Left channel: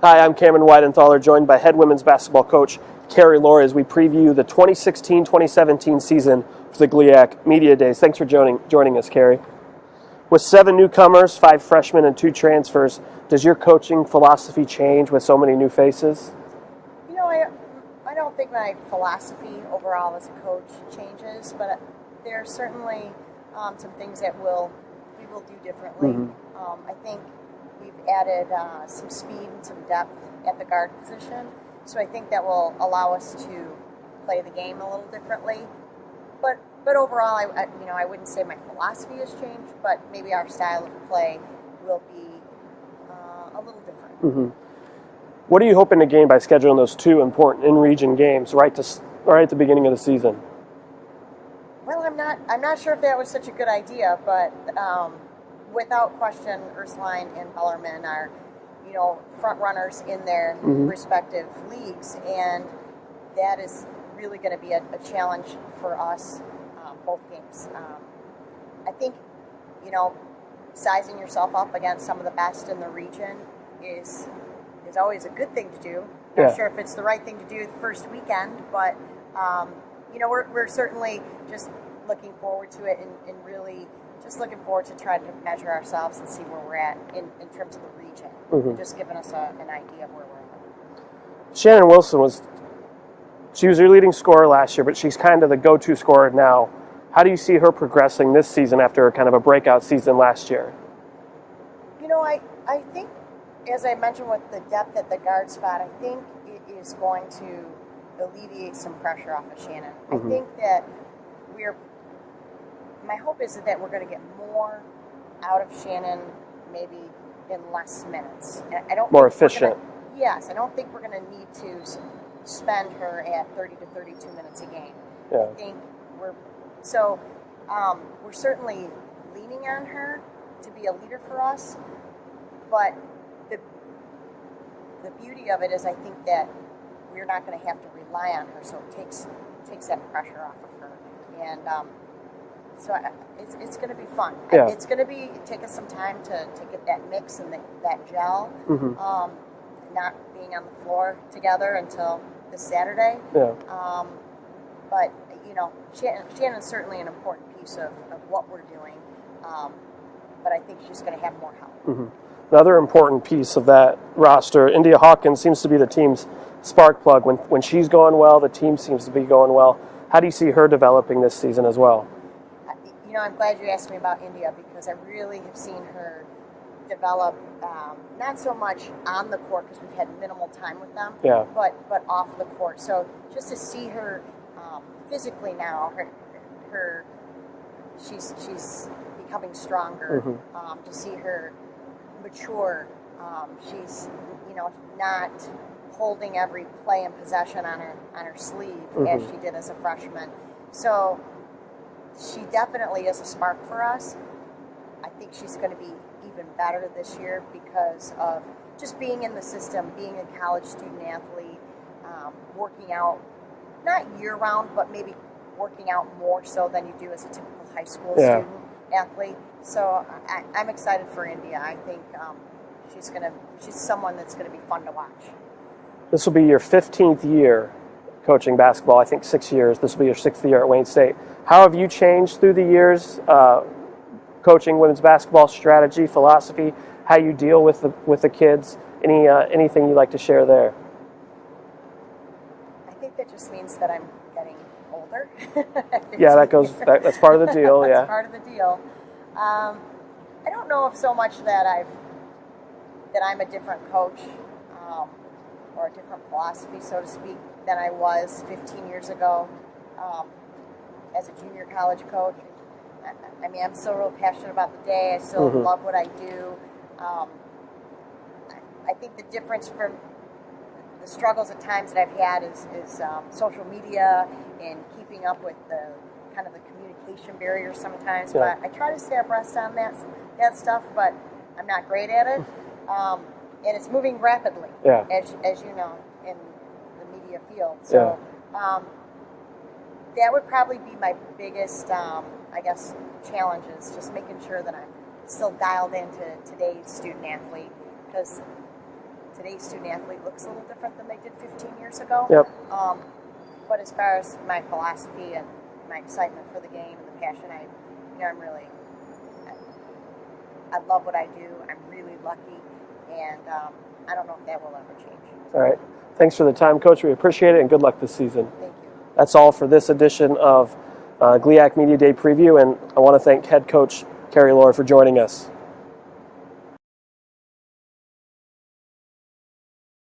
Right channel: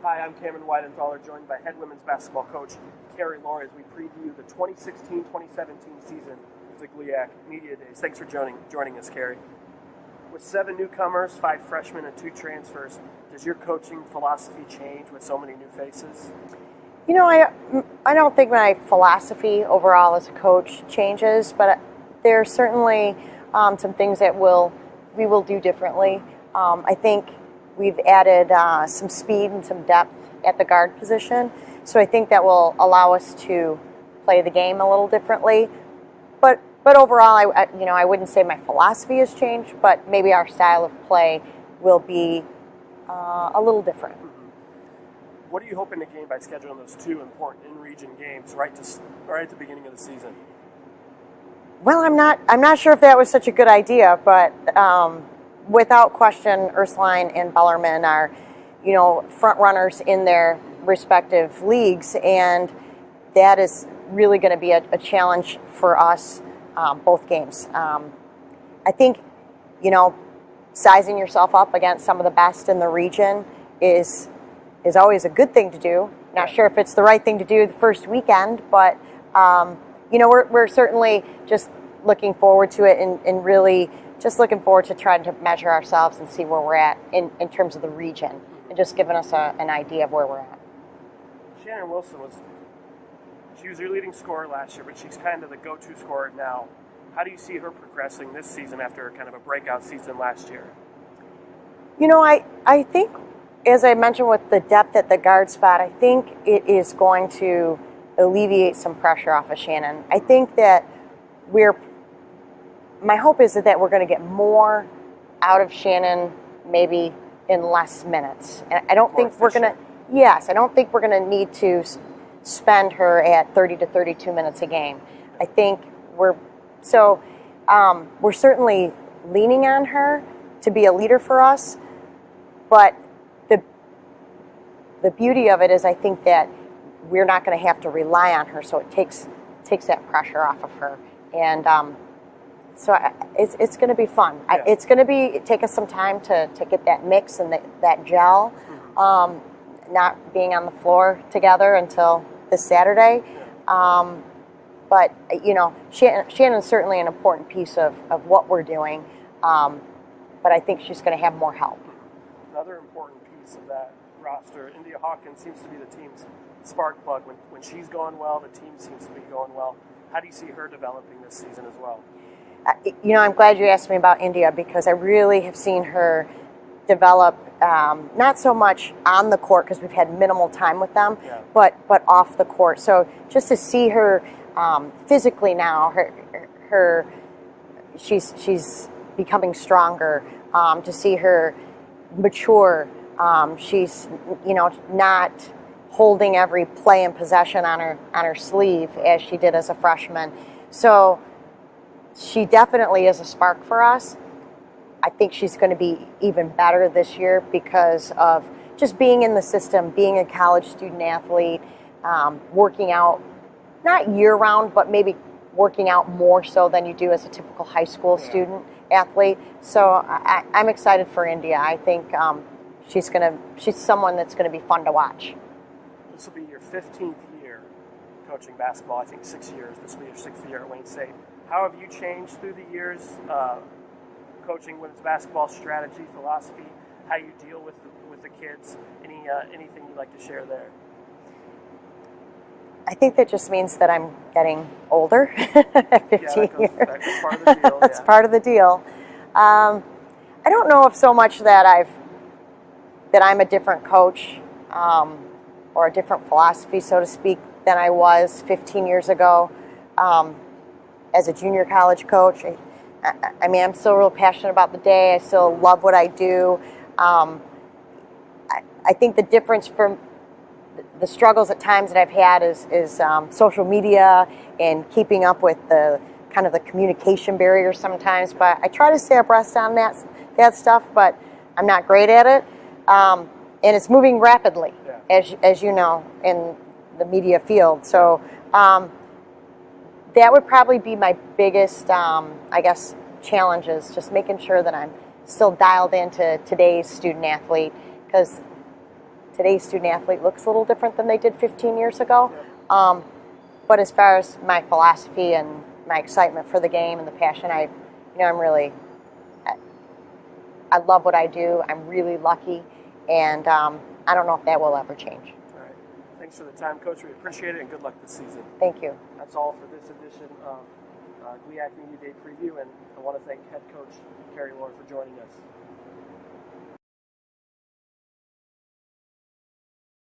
Hi, I'm Cameron Weidenthaler, joined by head women's basketball coach Carrie Lohr as we preview the 2016-2017 season for the GLIAC Media Days. Thanks for joining us, Carrie. With 7 newcomers, 5 freshmen, and 2 transfers, does your coaching philosophy change with so many new faces? You know, I don't think my philosophy overall as a coach changes, but there are certainly some things that we will do differently. I think we've added some speed and some depth at the guard position, so I think that will allow us to play the game a little differently. But overall, I wouldn't say my philosophy has changed, but maybe our style of play will be a little different. What are you hoping to gain by scheduling those 2 important in-region games right at the beginning of the season? Well, I'm not sure if that was such a good idea, but without question, Ursuline and Bellarmine are, front runners in their respective leagues, and that is really going to be a challenge for us both games. I think, sizing yourself up against some of the best in the region is always a good thing to do. Not sure if it's the right thing to do the first weekend, but we're certainly just looking forward to it and really just looking forward to trying to measure ourselves and see where we're at in terms of the region, and just giving us an idea of where we're at. Shannon Wilson was your leading scorer last year, but she's kind of the go-to scorer now. How do you see her progressing this season after kind of a breakout season last year? I think, as I mentioned with the depth at the guard spot, I think it is going to alleviate some pressure off of Shannon. I think that my hope is that we're going to get more out of Shannon maybe in less minutes. And I don't more think efficient. we're going to, yes, I don't think we're going to need to spend her at 30 to 32 minutes a game. I think we're certainly leaning on her to be a leader for us, but the beauty of it is I think that we're not going to have to rely on her, so it takes that pressure off of her. And so it's going to be fun. It's going to take us some time to get that mix and that gel, not being on the floor together until this Saturday. But, Shannon's certainly an important piece of what we're doing, but I think she's going to have more help. Another important piece of that roster, India Hawkins seems to be the team's spark plug. When she's going well, the team seems to be going well. How do you see her developing this season as well? I'm glad you asked me about India, because I really have seen her develop, not so much on the court because we've had minimal time with them, but off the court. So just to see her physically now, she's becoming stronger. To see her mature, she's not holding every play and possession on her sleeve as she did as a freshman. So she definitely is a spark for us. I think she's going to be even better this year because of just being in the system, being a college student athlete, working out, not year-round, but maybe working out more so than you do as a typical high school student athlete. So I'm excited for India. I think she's someone that's going to be fun to watch. This will be your 15th year coaching basketball. I think 6 years. This will be your 6th year at Wayne State. How have you changed through the years, coaching women's basketball strategy, philosophy, how you deal with the kids? Anything you'd like to share there? I think that just means that I'm getting older. That's part of the deal. That's part of the deal. I don't know if so much that I'm a different coach or a different philosophy, so to speak, than I was 15 years ago as a junior college coach. I mean, I'm still real passionate about the day. I still love what I do. I think the difference from the struggles at times that I've had is social media and keeping up with the kind of the communication barrier sometimes. But I try to stay abreast on that stuff, but I'm not great at it. And it's moving rapidly, as you know, in the media field. So that would probably be my biggest, I guess, challenges, just making sure that I'm still dialed into today's student athlete, because today's student athlete looks a little different than they did 15 years ago. Yep. But as far as my philosophy and my excitement for the game and the passion, I love what I do. I'm really lucky, and I don't know if that will ever change. All right. Thanks for the time, Coach. We appreciate it, and good luck this season. Thank you. That's all for this edition of GLIAC Media Day Preview, and I want to thank head coach Carrie Lohr for joining us.